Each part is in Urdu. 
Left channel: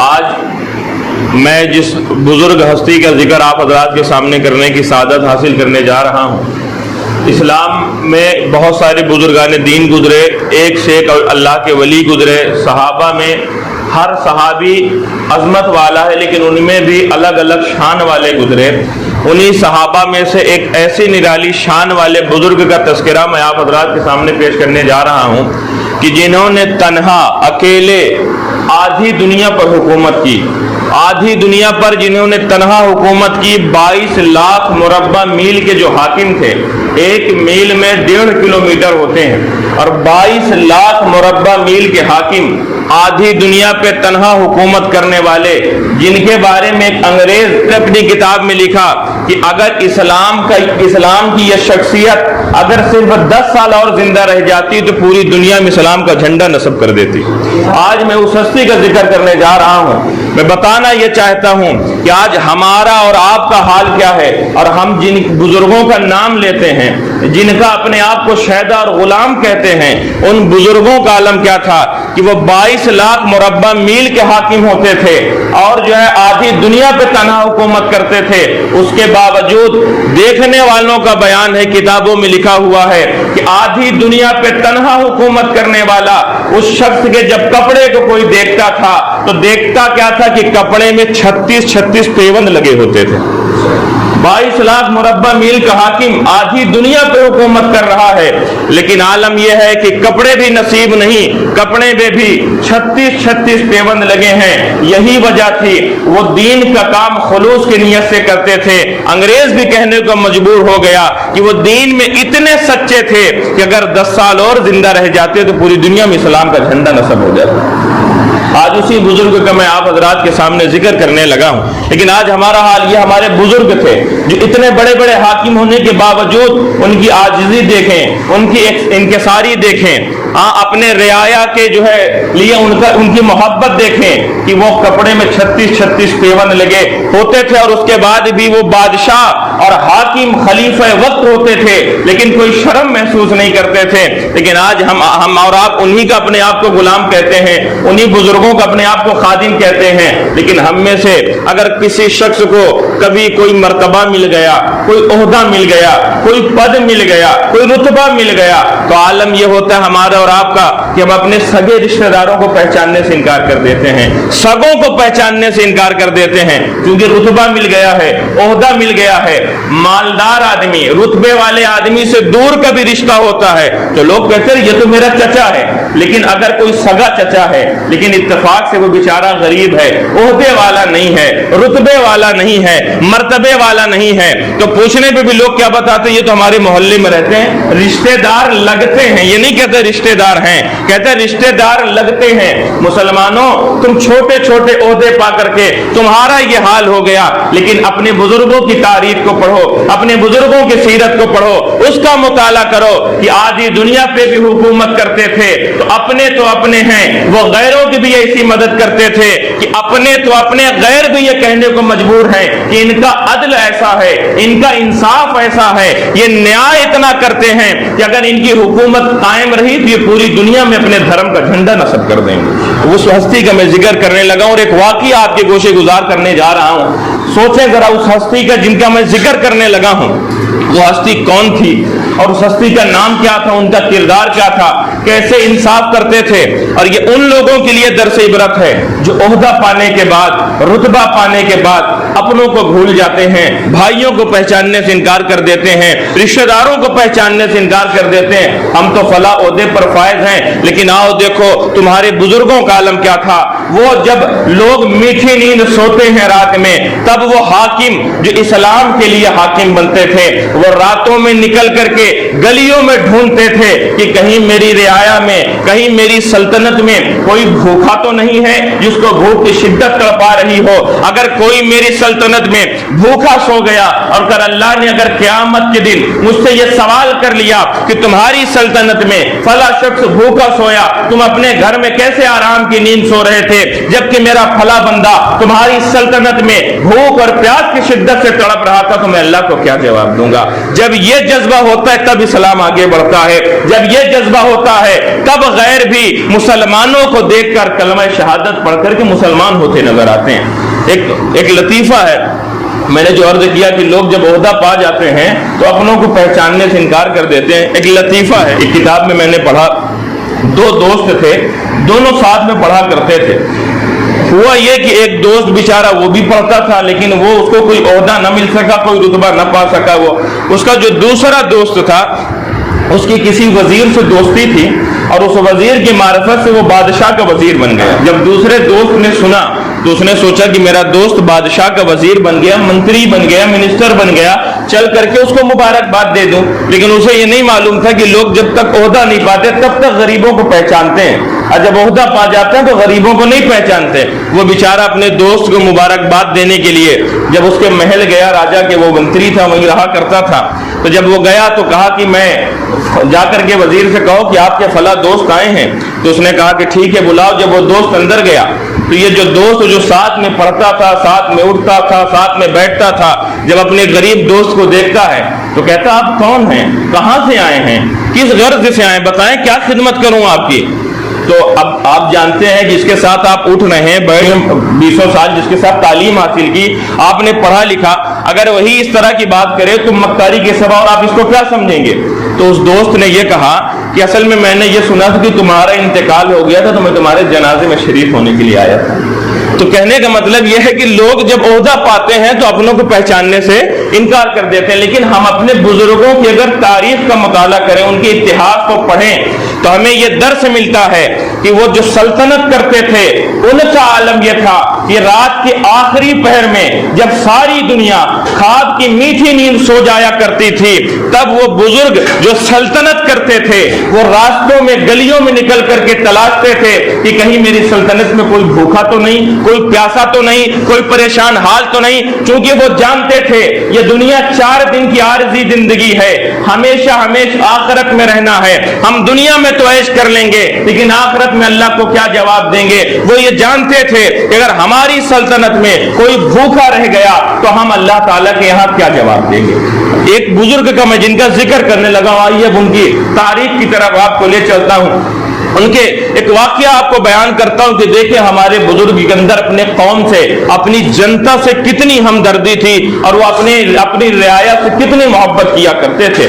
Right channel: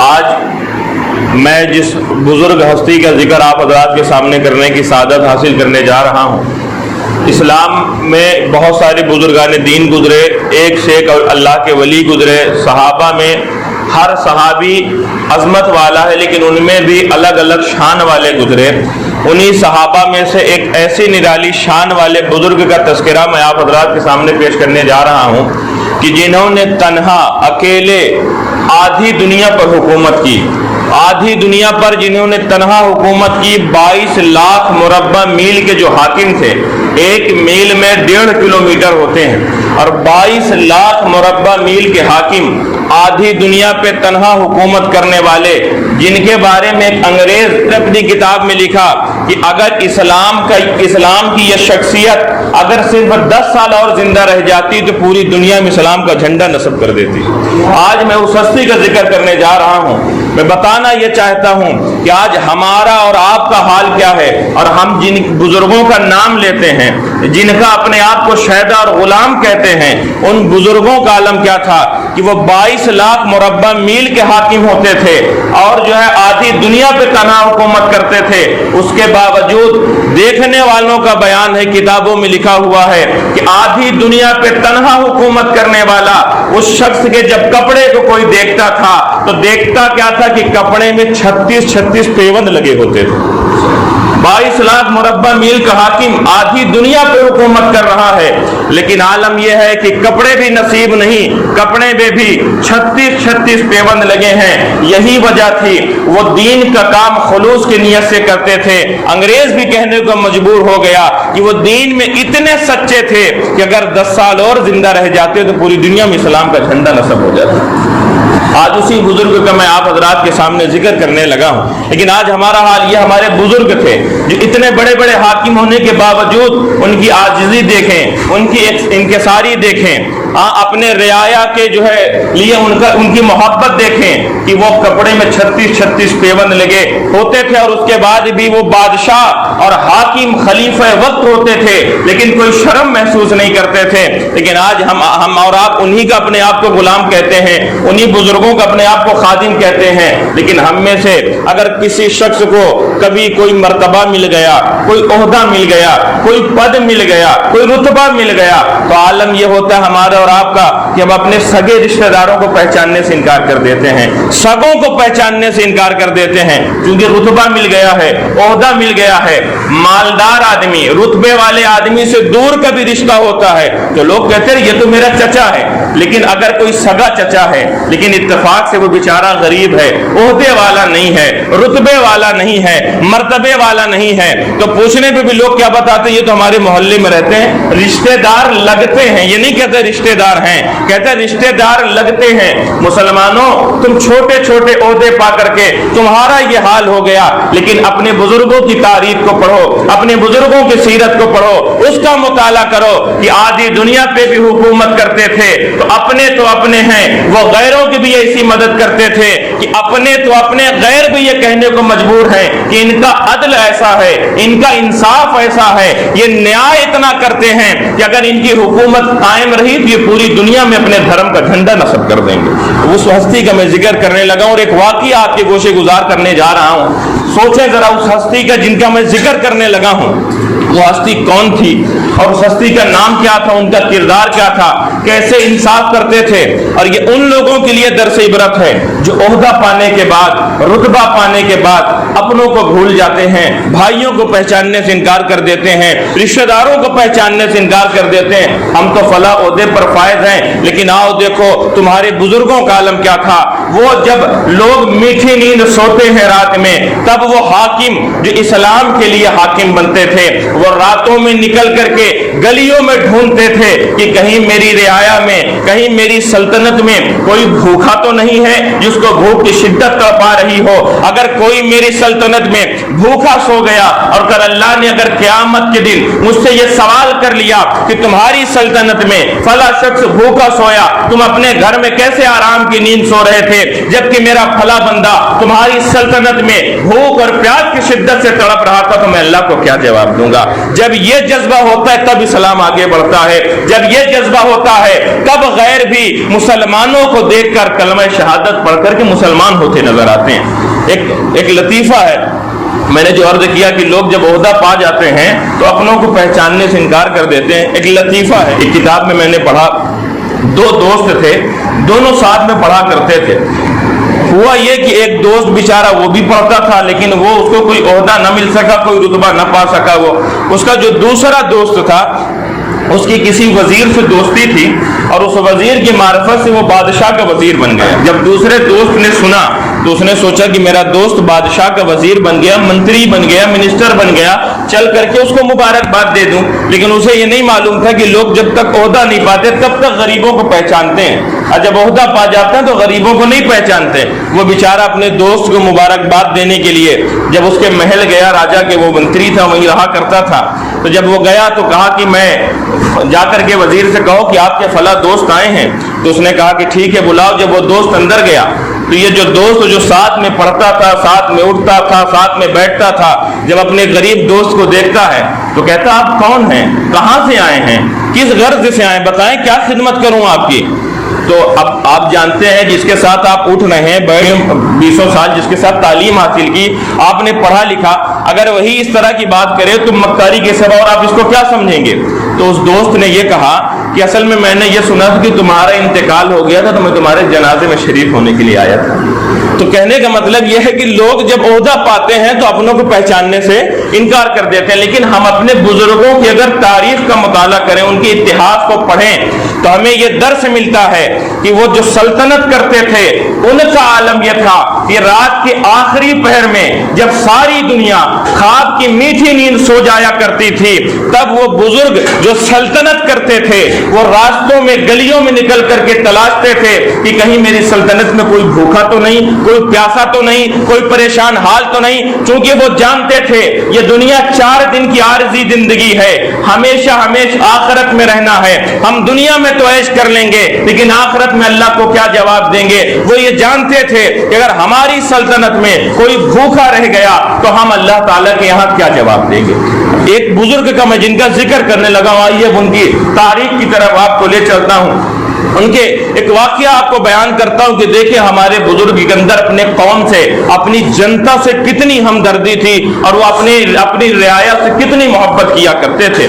آج میں جس بزرگ ہستی کا ذکر آپ حضرات کے سامنے کرنے کی سعادت حاصل کرنے جا رہا ہوں، اسلام میں بہت سارے بزرگان دین گزرے، ایک سے ایک اللہ کے ولی گزرے، صحابہ میں ہر صحابی عظمت والا ہے، لیکن ان میں بھی الگ الگ شان والے گزرے۔ انہی صحابہ میں سے ایک ایسی نرالی شان والے بزرگ کا تذکرہ میں آپ حضرات کے سامنے پیش کرنے جا رہا ہوں کہ جنہوں نے تنہا اکیلے آدھی دنیا پر حکومت کی، آدھی دنیا پر جنہوں نے تنہا حکومت کی، 22 لاکھ مربع میل کے جو حاکم تھے، ایک میل میں 1.5 کلومیٹر ہوتے ہیں، اور 22 لاکھ مربع میل کے حاکم آدھی دنیا پہ تنہا حکومت کرنے والے، جن کے بارے میں ایک انگریز نے اپنی کتاب میں لکھا کہ اگر اسلام کی یہ شخصیت اگر صرف 10 سال اور زندہ رہ جاتی تو پوری دنیا میں اسلام کا جھنڈا نصب کر دیتی۔ آج میں اس ہستی کا ذکر کرنے جا رہا ہوں۔ میں بتانا یہ چاہتا ہوں کہ آج ہمارا اور آپ کا حال کیا ہے، اور ہم جن بزرگوں کا نام لیتے ہیں، جن کا اپنے آپ کو شہدا اور غلام کہتے ہیں، ان بزرگوں کا عالم کیا تھا کہ وہ 22 لاکھ مربع میل کے حاکم ہوتے تھے، اور جو ہے آدھی دنیا پہ تنہا حکومت کرتے تھے۔ اس کے باوجود دیکھنے والوں کا بیان ہے، کتابوں میں لکھا ہوا ہے کہ آدھی دنیا پہ تنہا حکومت کرنے والا اس شخص کے جب کپڑے کو کوئی دیکھتا تھا تو دیکھتا کیا تھا کہ کپڑے میں 36 پیوند لگے ہوتے تھے۔ 22 لاکھ مربع میل کا حاکم آدھی دنیا پہ حکومت کر رہا ہے، لیکن عالم یہ ہے کہ کپڑے بھی نصیب نہیں، کپڑے میں بھی 36 پیوند لگے ہیں۔ یہی وجہ تھی وہ دین کا کام خلوص کی نیت سے کرتے تھے۔ انگریز بھی کہنے کو مجبور ہو گیا کہ وہ دین میں اتنے سچے تھے کہ اگر 10 سال اور زندہ رہ جاتے تو پوری دنیا میں اسلام کا جھنڈا نصب ہو جاتا۔ آج اسی بزرگ کا میں آپ حضرات کے سامنے ذکر کرنے لگا ہوں، لیکن آج ہمارا حال یہ، ہمارے بزرگ تھے جو اتنے بڑے بڑے حاکم ہونے کے باوجود ان کی عاجزی دیکھیں، ان کی انکساری دیکھیں، اپنے رعایا کے جو ہے لیے ان کی محبت دیکھیں کہ وہ کپڑے میں 36 پیوند لگے ہوتے تھے، اور اس کے بعد بھی وہ بادشاہ اور حاکم خلیفہ وقت ہوتے تھے، لیکن کوئی شرم محسوس نہیں کرتے تھے۔ لیکن آج ہم اور آپ انہی کا اپنے آپ کو غلام کہتے ہیں، انہی بزرگوں کا اپنے آپ کو خادم کہتے ہیں، لیکن ہم میں سے اگر کسی شخص کو کبھی کوئی مرتبہ مل گیا، کوئی عہدہ مل گیا، کوئی پد مل گیا، کوئی رتبہ مل گیا، تو عالم یہ ہوتا ہے ہمارے اور آپ کا کہ ہم اپنے سگے رشتہ داروں کو پہچاننے سے انکار کر دیتے ہیں، سگوں کو پہچاننے سے انکار کر دیتے ہیں، کیونکہ رتبہ مل گیا ہے، عہدہ مل گیا ہے۔ مالدار آدمی، رتبے والے آدمی سے دور کا بھی رشتہ ہوتا ہے تو لوگ کہتے ہیں یہ تو میرا چچا ہے، لیکن اگر کوئی سگا چچا ہے لیکن اتفاق سے وہ بیچارہ غریب ہے، عہدے والا نہیں ہے، رتبے والا نہیں ہے، مرتبے والا نہیں ہے، تو پوچھنے پہ بھی لوگ کیا بتاتے ہیں یہ تو ہمارے محلے میں رہتے ہیں، رشتہ دار لگتے ہیں۔ یہ نہیں کہتے رشتہ دار ہیں، کہتے رشتہ دار لگتے ہیں۔ مسلمانوں، تم چھوٹے چھوٹے عہدے پا کر کے تمہارا یہ حال ہو گیا، لیکن اپنے بزرگوں کی تاریخ کو پڑھو، اپنے بزرگوں کی سیرت کو پڑھو، اس کا مطالعہ کرو کہ آدھی دنیا پہ بھی حکومت کرتے تھے تو اپنے ہیں، وہ غیروں کی بھی ایسی مدد کرتے تھے کہ اپنے تو اپنے، غیر بھی یہ کہنے کو مجبور ہے کہ ان کا عدل ایسا ہے، ان کا انصاف ایسا ہے، یہ نیائے اتنا کرتے ہیں کہ اگر ان کی حکومت قائم رہی تو یہ پوری دنیا میں اپنے دھرم کا جھنڈا نصب کر دیں گے۔ اس ہستی کا میں ذکر کرنے لگا اور ایک واقعہ آپ کے گوشے گزار کرنے جا رہا ہوں۔ سوچیں ذرا اس ہستی کا جن کا میں ذکر کرنے لگا ہوں، وہ ہستی کون تھی اور اس ہستی کا نام کیا تھا، ان کا کردار کیا تھا، کیسے انصاف کرتے تھے۔ اور یہ ان لوگوں کے لیے درس عبرت ہے جو عہدہ پانے کے بعد، رتبہ پانے کے بعد اپنوں کو بھول جاتے ہیں، بھائیوں کو پہچاننے سے انکار کر دیتے ہیں، رشتہ داروں کو پہچاننے سے انکار کر دیتے ہیں۔ ہم تو فلاں عہدے پر فائز ہیں، لیکن آؤ دیکھو تمہارے بزرگوں کا عالم کیا تھا۔ وہ جب لوگ میٹھی نیند سوتے ہیں رات میں، تب وہ حاکم جو اسلام کے لیے حاکم بنتے تھے، وہ راتوں میں نکل کر کے گلیوں میں ڈھونڈتے تھے کہ کہیں میری رعایا میں، کہیں میری سلطنت میں کوئی بھوکا تو نہیں ہے جس کو بھوک کی شدت تڑپا رہی ہو۔ اگر کوئی میری سلطنت میں بھوکا سو گیا اور اگر اللہ نے اگر قیامت کے دن مجھ سے یہ سوال کر لیا کہ تمہاری سلطنت میں فلاں شخص بھوکا سویا، تم اپنے گھر میں کیسے آرام کی نیند سو رہے تھے، تھے, جبکہ میرا پھلا بندہ تمہاری سلطنت میں بھوک اور پیاس کی شدت سے تڑپ رہا تھا, تو میں اللہ کو کیا جواب دوں گا. جب یہ جذبہ ہوتا ہے تب اسلام آگے بڑھتا ہے. جب یہ جذبہ ہوتا ہے تب غیر بھی مسلمانوں کو دیکھ کر کلمہ شہادت پڑھ کر کے مسلمان ہوتے نظر آتے ہیں. ایک لطیفہ ہے, میں نے جو عرض کیا کہ لوگ جب عہدہ پا جاتے ہیں تو اپنوں کو پہچاننے سے انکار کر دیتے ہیں. ایک لطیفہ ہے, ایک کتاب میں نے پڑھا, دو دوست تھے, دونوں ساتھ میں پڑھا کرتے تھے. ہوا یہ کہ ایک دوست بیچارہ وہ بھی پڑھتا تھا لیکن وہ اس کو کوئی عہدہ نہ مل سکا, کوئی رتبہ نہ پا سکا. وہ اس کا جو دوسرا دوست تھا اس کی کسی وزیر سے دوستی تھی اور اس وزیر کی معرفت سے وہ بادشاہ کا وزیر بن گیا. جب دوسرے دوست نے سنا تو اس نے سوچا کہ میرا دوست بادشاہ کا وزیر بن گیا, منتری بن گیا, منسٹر بن گیا, چل کر کے اس کو مبارکباد دے دوں. لیکن اسے یہ نہیں معلوم تھا کہ لوگ جب تک عہدہ نہیں پاتے تب تک غریبوں کو پہچانتے ہیں, اور جب عہدہ پا جاتے ہیں تو غریبوں کو نہیں پہچانتے. وہ بیچارہ اپنے دوست کو مبارکباد دینے کے لیے جب اس کے محل گیا, راجا کے وہ منتری تھا, وہیں رہا کرتا تھا, تو جب وہ گیا تو کہا کہ میں جا کر کے وزیر سے کہو کہ آپ کے فلاں دوست آئے ہیں. تو اس نے کہا کہ ٹھیک ہے بلاؤ. جب وہ دوست اندر گیا تو یہ جو دوست جو ساتھ میں پڑھتا تھا, ساتھ میں اٹھتا تھا, ساتھ میں بیٹھتا تھا, جب اپنے غریب دوست کو دیکھتا ہے تو کہتا آپ کون ہیں, کہاں سے آئے ہیں, کس غرض سے آئے, بتائیں کیا خدمت کروں آپ کی. تو اب آپ جانتے ہیں جس کے ساتھ آپ اٹھ رہے ہیں, بیٹھے 20 سال جس کے ساتھ تعلیم حاصل کی, آپ نے پڑھا لکھا, اگر وہی اس طرح کی بات کرے تو مکاری کے سوا اور آپ اس کو کیا سمجھیں گے. تو اس دوست نے یہ کہا کہ اصل میں نے یہ سنا تھا کہ تمہارا انتقال ہو گیا تھا تو میں تمہارے جنازے میں شریک ہونے کے لیے آیا تھا. تو کہنے کا مطلب یہ ہے کہ لوگ جب عہدہ پاتے ہیں تو اپنوں کو پہچاننے سے انکار کر دیتے ہیں, لیکن ہم اپنے بزرگوں کی اگر تاریخ کا مطالعہ کریں, ان کے اتہاس کو پڑھیں, تو ہمیں یہ درس ملتا ہے کہ وہ جو سلطنت کرتے تھے ان کا عالم یہ تھا کہ رات کے آخری پہر میں جب ساری دنیا خواب کی میٹھی نیند سو جایا کرتی تھی, تب وہ بزرگ جو سلطنت کرتے تھے وہ راستوں میں گلیوں میں نکل کر کے تلاشتے تھے کہ کہیں میری سلطنت میں کوئی بھوکا تو نہیں, کوئی پیاسا تو نہیں, کوئی پریشان حال تو نہیں. چونکہ وہ جانتے تھے یہ دنیا 4 دن کی عارضی زندگی ہے, ہمیشہ آخرت میں رہنا ہے. ہم دنیا میں تو عیش کر لیں گے لیکن آخرت میں اللہ کو کیا جواب دیں گے. وہ یہ جانتے تھے کہ اگر ہماری سلطنت میں کوئی بھوکا رہ گیا تو ہم اللہ تعالیٰ کے یہاں کیا جواب دیں گے. ایک بزرگ کا میں جن کا ذکر کرنے لگا ہوں, آئیے ان کی تاریخ کی طرف آپ کو لے چلتا ہوں. ان کے ایک واقعہ آپ کو بیان کرتا ہوں کہ دیکھیں ہمارے بزرگ کے اندر اپنے قوم سے, اپنی جنتا سے کتنی ہمدردی تھی اور وہ اپنی رعایا سے کتنی محبت کیا کرتے تھے.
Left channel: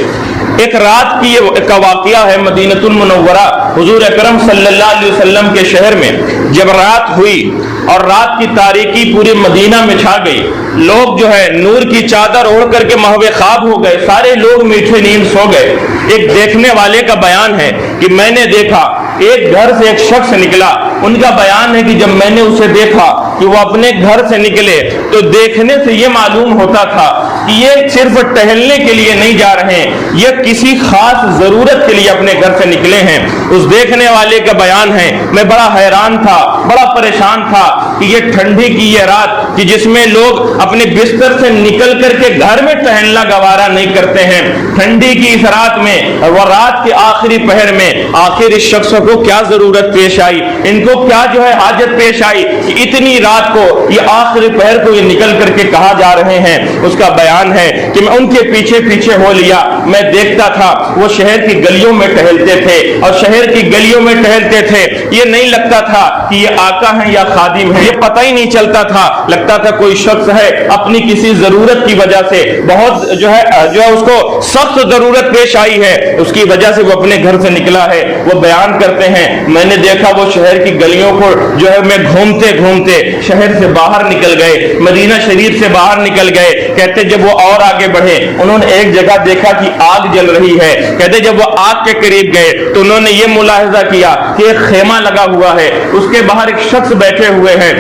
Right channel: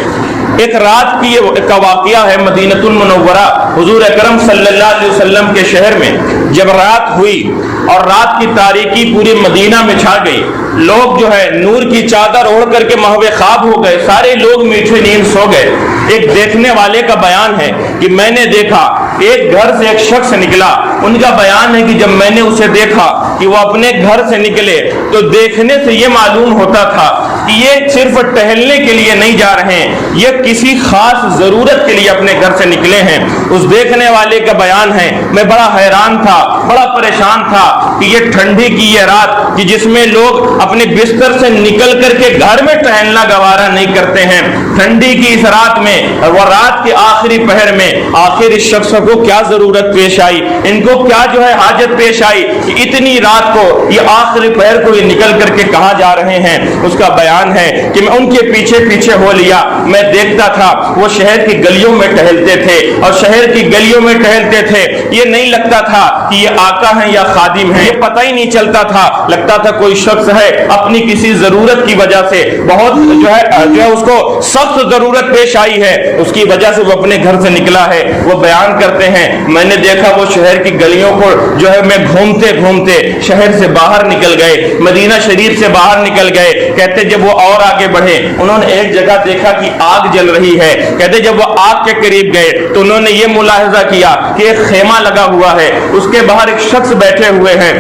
ایک رات کی کا واقعہ ہے مدینہ المنورہ, حضور اکرم صلی اللہ علیہ وسلم کے شہر میں جب رات ہوئی اور رات کی تاریکی پورے مدینہ میں چھا گئی, لوگ جو ہے نور کی چادر اوڑھ کر کے محو خواب ہو گئے, سارے لوگ میٹھے نیند سو گئے. ایک دیکھنے والے کا بیان ہے کہ میں نے دیکھا ایک گھر سے ایک شخص نکلا. ان کا بیان ہے کہ جب میں نے اسے دیکھا کہ وہ اپنے گھر سے نکلے تو دیکھنے سے یہ معلوم ہوتا تھا کہ یہ صرف ٹہلنے کے لیے نہیں جا رہے ہیں, یہ کسی خاص ضرورت کے لیے اپنے گھر سے نکلے ہیں. اس دیکھنے والے کا بیان ہے میں بڑا حیران تھا, بڑا پریشان تھا کہ یہ ٹھنڈی کی یہ رات کہ جس میں لوگ اپنے بستر سے نکل کر کے گھر میں ٹہلنا گوارا نہیں کرتے ہیں, ٹھنڈی کی اس رات میں اور وہ رات کے آخری پہر میں آخر اس شخص کو کیا ضرورت پیش آئی, ان کو کیا جو ہے حاجت پیش آئی کہ اتنی رات کو یہ آخری پہر کو یہ نکل کر کے کہاں جا رہے ہیں. اس کا بیان ہے کہ میں ان کے پیچھے پیچھے ہو لیا, میں دیکھتا تھا وہ شہر کی گلیوں میں ٹہلتے تھے اور شہر کی گلیوں میں ٹہلتے تھے. یہ نہیں لگتا تھا کہ یہ آقا ہے یا خادم ہے, یہ پتہ ہی نہیں چلتا تھا, لگتا تھا کوئی شخص ہے اپنی کسی ضرورت کی وجہ سے بہت جو ہے اس کو سخت ضرورت پیش آئی ہے, اس کی وجہ سے وہ اپنے گھر سے نکلا ہے. وہ بیان کرتے ہیں میں نے دیکھا وہ شہر کی گلیوں کو جو ہے میں گھومتے گھومتے شہر سے باہر نکل گئے, مدینہ شریف سے باہر نکل گئے. کہتے جب وہ اور آگے بڑھے انہوں نے ایک جگہ دیکھا کہ آگ جل رہی ہے. کہتے جب وہ آگ کے قریب گئے تو انہوں نے یہ ملاحظہ کیا کہ ایک خیمہ لگا ہوا ہے, اس کے باہر ایک شخص بیٹھے ہوئے ہیں.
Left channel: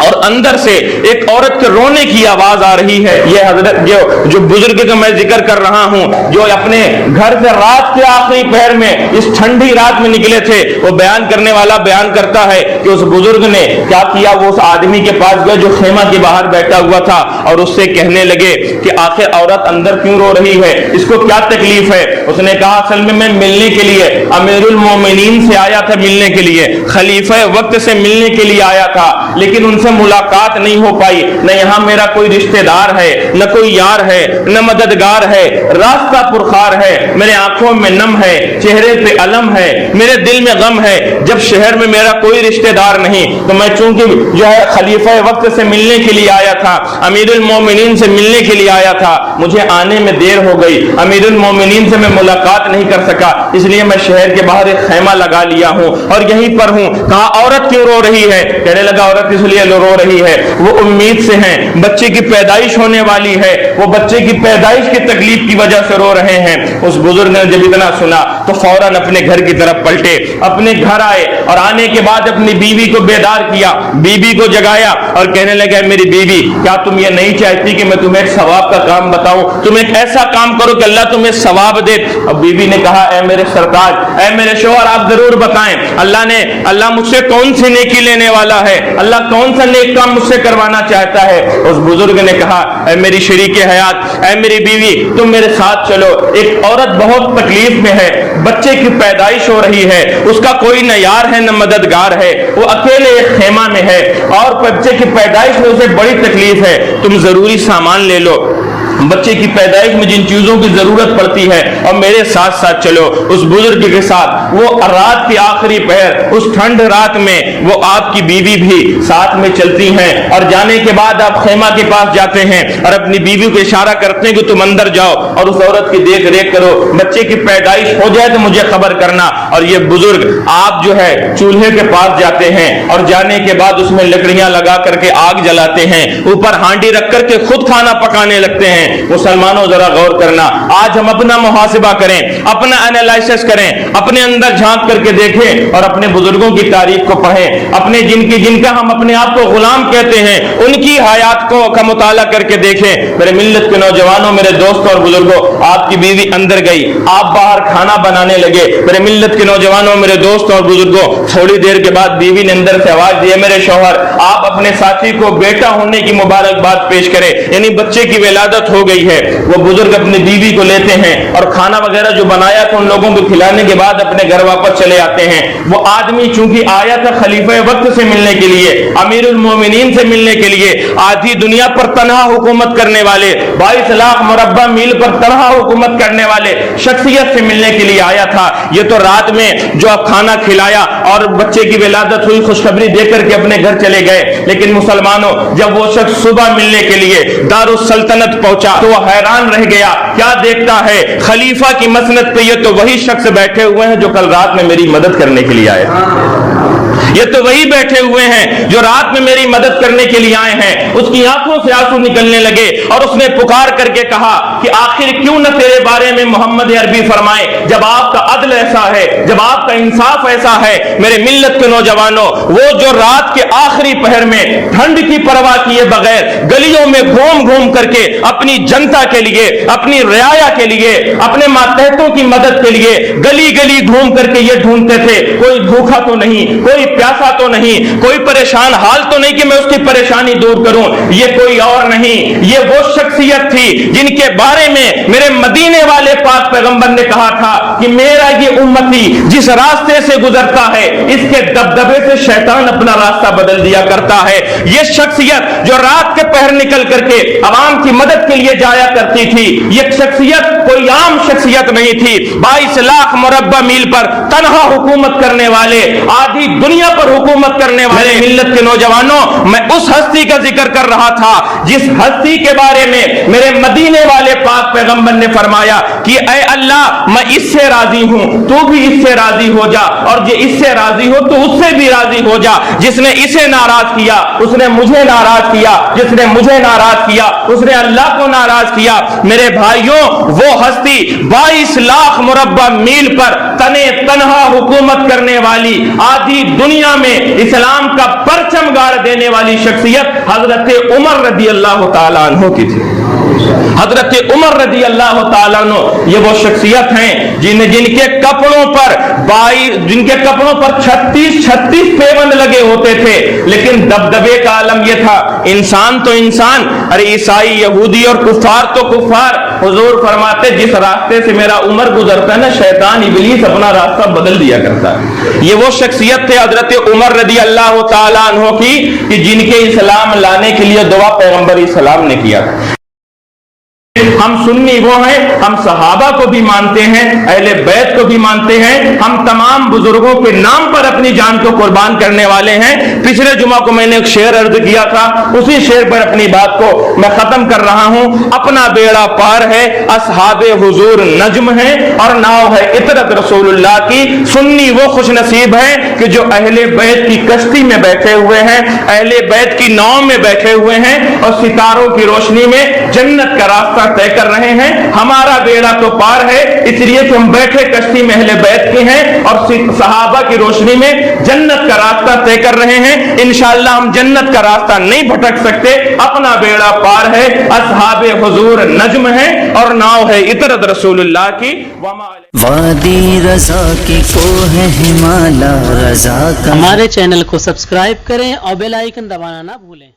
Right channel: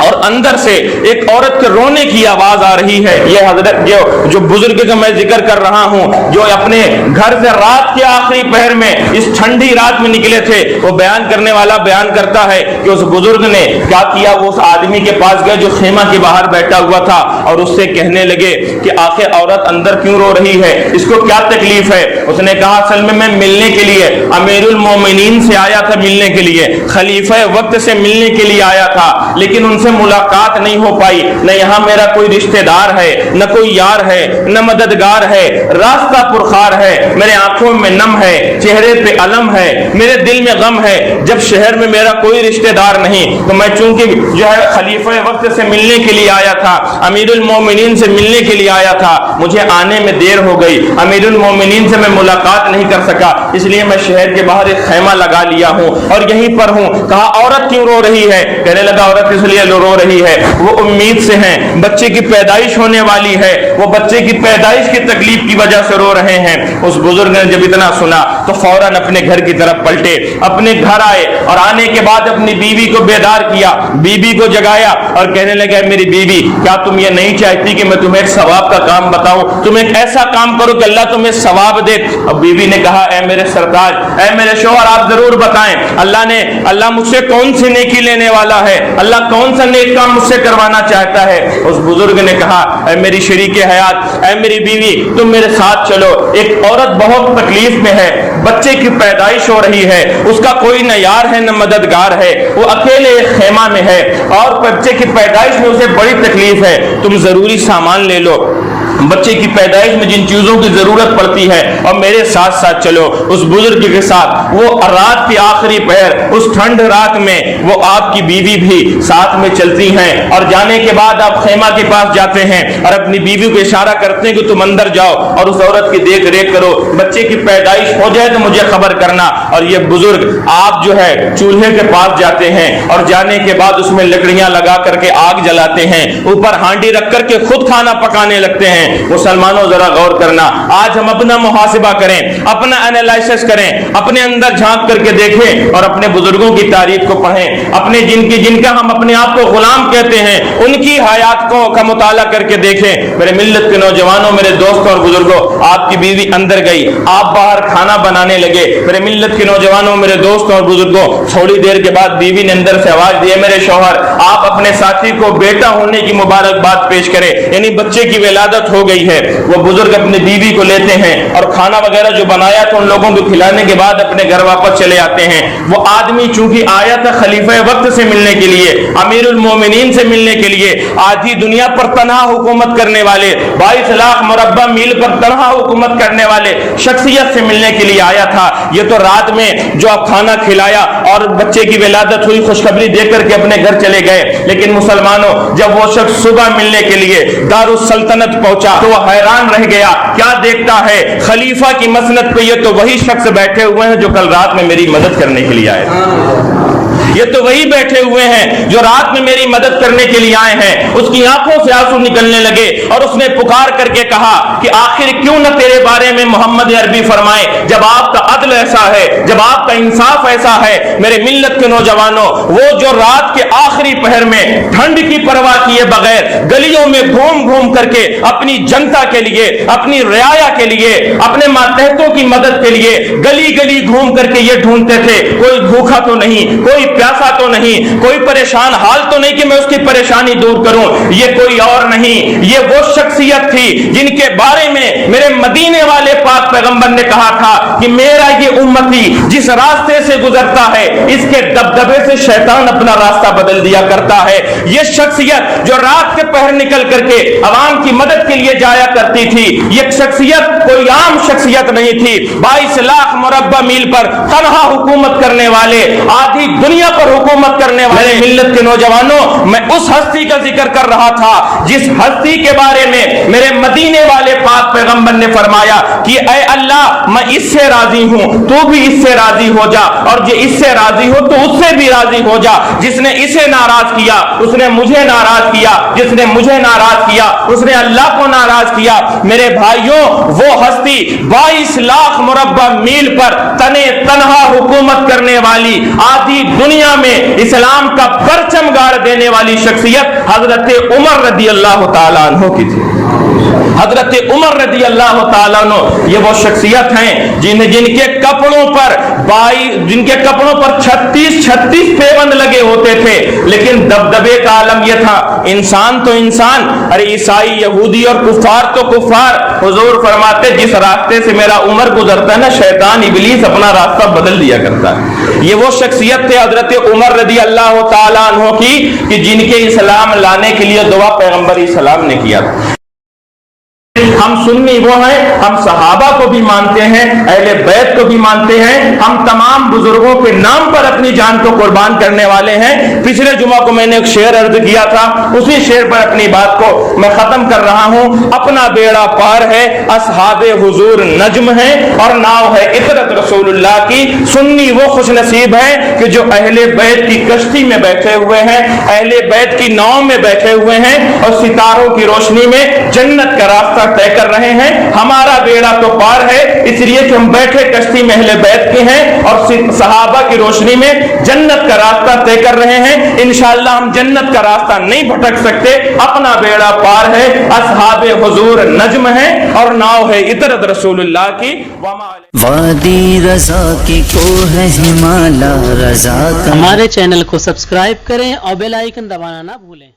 اور اندر سے ایک عورت کے رونے کی آواز آ رہی ہے. یہ حضرت جو بزرگ کا میں ذکر کر رہا ہوں, جو اپنے گھر سے رات کے آخری پہر میں اس ٹھنڈی رات میں نکلے تھے, وہ بیان کرنے والا بیان کرتا ہے کہ اس بزرگ نے کیا کیا. وہ اس آدمی کے پاس گئے جو خیمہ کے باہر بیٹھا ہوا تھا, اور اس سے کہنے لگے کہ آخر عورت اندر کیوں رو رہی ہے, اس کو کیا تکلیف ہے. اس نے کہا اصل میں ملنے کے لیے امیر المومنین سے آیا تھا, ملنے کے لیے خلیفہ وقت سے ملنے کے لیے آیا تھا, لیکن ان سے ملاقات نہیں ہو پائی. نہ یہاں میرا کوئی رشتہ دار ہے, نہ کوئی یار ہے, نہ مددگار ہے, راستہ پرخار ہے, میرے آنکھوں میں نم ہے, چہرے پہ علم ہے, میرے دل میں غم ہے. جب شہر میں میرا کوئی رشتہ دار نہیں, تو میں چونکہ جو ہے خلیفہ وقت سے ملنے کے لیے آیا تھا, امیر المومنین سے ملنے کے لیے آیا تھا, مجھے آنے میں دیر ہو گئی, امیر المومنین سے میں ملاقات نہیں کر سکا, اس لیے میں شہر کے باہر ایک خیمہ لگا لیا ہوں اور یہیں پر ہوں. کہا عورت کیوں رو رہی ہے؟ کہنے لگا عورت اس لیے رو رہی ہے, وہ امید سے ہیں, بچے کی پیدائش ہونے والی ہے, وہ بچے کی پیدائش کی تکلیف کی وجہ سے رو رہے ہیں. اس بزرگ نے جب اتنا سنا تو فوراً اپنے گھر کی طرف پلٹے, اپنے گھر آئے اور آنے کے بعد اپنی بیوی کو بیدار کیا, بیوی کو جگایا اور کہنے لگا میری بیوی, کیا تم یہ نہیں چاہتی کہ میں تمہیں ایک ثواب کا کام بتاؤں, تم ایک ایسا کام کرو کہ اللہ تمہیں ثواب دے. اور بیوی نے کہا اے میرے سرتاج, اے میرے شوہر, آپ ضرور بتائیں, اللہ مجھ سے کون سی نیکی لینے والا ہے, اللہ کون سا نیک کام مجھ سے کروانا چاہتا ہے. اس بزرگ نے کہا اے میری شریک حیات, اے میری بیوی, تم میرے ساتھ چلو. ایک عورت بہت تکلیف میں ہے, بچے کی پیدائش ہو رہی ہے, اس کا کوئی نہ یار ہے نہ مددگار ہے, وہ اکیلے ایک خیمہ میں ہے اور بچے کی پیدائش میں اسے بڑی تکلیف ہے. تم ضروری سامان لے لو, بچے کی پیدائش میں جن چیزوں کی ضرورت پڑتی ہے, اور میرے ساتھ ساتھ چلو. اس بزرگ کے ساتھ وہ رات کی آخری پہر, اس ٹھنڈ رات میں وہ آپ کی بیوی بھی ساتھ میں چلتی ہیں, اور جانے کے بعد آپ خیمہ کے پاس جاتے ہیں اور اپنی بیوی کو اشارہ کرتے ہیں کہ تم اندر جاؤ اور اس عورت کی دیکھ ریکھ کرو, بچے کی پیدائش ہو جائے تو مجھے خبر کرنا. اور یہ بزرگ آپ جو ہے چولہے کے پاس جاتے ہیں اور جانے کے بعد اس میں لکڑیاں لگا کر کے آگ جلاتے ہیں, اوپر ہانڈی رکھ کر کے خود کھانا پکانے لگتے ہیں. مسلمانوں ذرا غور کرنا, آج ہم اپنا محاسبہ کریں, اپنا انالائسس کریں, اپنے اندر جھانک کر کے دیکھیں اور اپنے بزرگوں کی تاریخ کو پڑھیں, اپنے جن کا ہم اپنے آپ کو غلام کہتے ہیں ان کی حیات کو کا مطالعہ کر کے دیکھیں. میرے ملت کے نوجوانوں, میرے دوستوں اور بزرگوں, آپ کی بیوی اندر گئی, آپ باہر کھانا بنانے لگے. میرے ملت کے نوجوانوں, میرے دوستوں اور بزرگوں, تھوڑی دیر کے بعد بیوی نے اندر سے آواز دی, میرے شوہر, آپ اپنے ساتھی کو بیٹا ہونے کی مبارکباد پیش کریں, یعنی بچے کی ولادت ہو گئی ہے. وہ بزرگ اپنی بیوی کو لیتے ہیں اور کھانا وغیرہ جو بنایا تھا ان لوگوں کو کھلانے کے بعد اپنے گھر واپس چلے آتے ہیں. وہ آدمی چونکہ آیا تھا خلیفہ وقت سے ملنے کے لیے, امیر المومنین سے ملنے کے لیے, آدھی دنیا پر تنہا حکومت کرنے والے, 22 لاکھ مربع میل پر تنہا حکومت کرنے والے شخصیت سے ملنے کے لیے آیا تھا. یہ تو رات میں جو کھانا کھلایا اور بچے کی ولادت ہوئی, خوشخبری دے کر کے اپنے گھر چلے گئے. لیکن مسلمانوں, جب وہ شخص صبح ملنے کے لیے دارالسلطنت پہنچا تو وہ حیران رہ گیا. کیا دیکھتا ہے, خلیفہ کی مسند پہ یہ تو وہی شخص بیٹھے ہوئے ہیں جو کل رات میں میری مدد کرنے کے لیے آئے. یہ تو وہی بیٹھے ہوئے ہیں جو رات میں میری مدد کرنے کے لیے آئے ہیں. اس کی آنکھوں سے آنسو نکلنے لگے اور اس نے پکار کر کے کہا کہ آخر کیوں نہ تیرے بارے میں محمد عربی فرمائے, جب آپ کا عدل ایسا ہے, جب آپ کا انصاف ایسا ہے. میرے ملت کے نوجوانوں, وہ جو رات کے آخری پہر میں ٹھنڈ کی پرواہ کیے بغیر گلیوں میں گھوم گھوم کر کے اپنی جنتا کے لیے, اپنی رعایا کے لیے, اپنے ماتحتوں کی مدد کے لیے گلی گلی گھوم کر کے یہ ڈھونڈتے تھے کوئی بھوکا تو نہیں, کوئی پیاسا تو نہیں, کوئی پریشان حال تو نہیں کہ میں اس کی پریشانی دور کروں. یہ کوئی اور نہیں, یہ وہ شخصیت تھی جن کے بارے میں میرے مدینے والے پاک پیغمبر نے کہا تھا کہ میرا یہ امتی جس راستے سے گزرتا ہے اس کے دبدبے سے شیطان اپنا راستہ بدل دیا کرتا ہے. یہ شخصیت جو رات کے پہر نکل کر کے عوام کی مدد کے لیے جایا کرتی تھی, یہ شخصیت کوئی عام شخصیت نہیں تھی. 22 لاکھ مربع میل پر تنہا حکومت کرنے والے, آدھی دنیا پر حکومت کرنے والے ملت کے نوجوانوں, میں اس ہستی کا ذکر کر رہا تھا جس ہستی کے بارے میں میرے مدینے والے پاک پیغمبر نے فرمایا کہ اے اللہ, میں اس سے راضی ہوں, تو بھی اس سے راضی ہو جا, اور جو اس سے راضی ہو تو اس سے بھی راضی ہو جا. جس نے اسے ناراض کیا اس نے مجھے ناراض کیا, جس نے مجھے ناراض کیا اس نے اللہ کو ناراض کیا. میرے بھائیوں, وہ ہستی 22 لاکھ مربع میل پر تنہا حکومت کرنے والی, آدھی دنیا دنیا میں اسلام کا پرچم گاڑ دینے والی شخصیت حضرت عمر رضی اللہ تعالیٰ عنہ کی تھی۔ حضرت عمر رضی اللہ تعالیٰ عنہ یہ وہ شخصیت ہیں جن کے کپڑوں پر 36 پیوند لگے ہوتے تھے، لیکن دبدبے کا عالم یہ تھا، انسان تو انسان، ارے عیسائی، یہودی اور کفار تو کفار۔ حضور فرماتے جس راستے سے میرا عمر گزرتا ہے نا، شیطان ابلیس اپنا راستہ بدل دیا کرتا ہے۔ یہ وہ شخصیت تھے حضرت عمر رضی اللہ تعالیٰ عنہ کی کہ جن کے اسلام لانے کے لیے دعا پیغمبر اسلام نے کیا۔ ہم سنی وہ ہیں، ہم صحابہ کو بھی مانتے ہیں، اہل بیت کو بھی مانتے ہیں، ہم تمام بزرگوں کے نام پر اپنی جان کو قربان کرنے والے ہیں۔ پچھلے جمعہ کو میں نے ایک شعر عرض کیا تھا، اسی شعر پر اپنی بات کو میں ختم کر رہا ہوں۔ اپنا بیڑا پار ہے، اصحاب حضور نجم ہے، اور ناؤ ہے عطرت رسول اللہ کی۔ سنی وہ خوش نصیب ہیں کہ جو اہل بیت کی کشتی میں بیٹھے ہوئے ہیں، اہل بیت کی ناؤ میں بیٹھے ہوئے ہیں، اور ستاروں کی روشنی میں جنت کا راستہ طے کر رہے ہیں۔ ہمارا بیڑا تو پار ہے، اس لیے کہ ہم بیٹھے کشتی میں اہل بیت کے ہیں اور صحابہ کی روشنی میں جنت کا راستہ طے کر رہے ہیں۔ انشاءاللہ ہم جنت کا راستہ نہیں بھٹک سکتے، اپنا بیڑا پار ہے، اصحاب حضور نجم ہے، اور ناؤ ہے عطرت رسول اللہ کی۔ وادی رضا کی کوہ ہمالا رضا کا۔ ہمارے چینل کو سبسکرائب کریں اور بیل آئیکن دبانا نہ بھولیں۔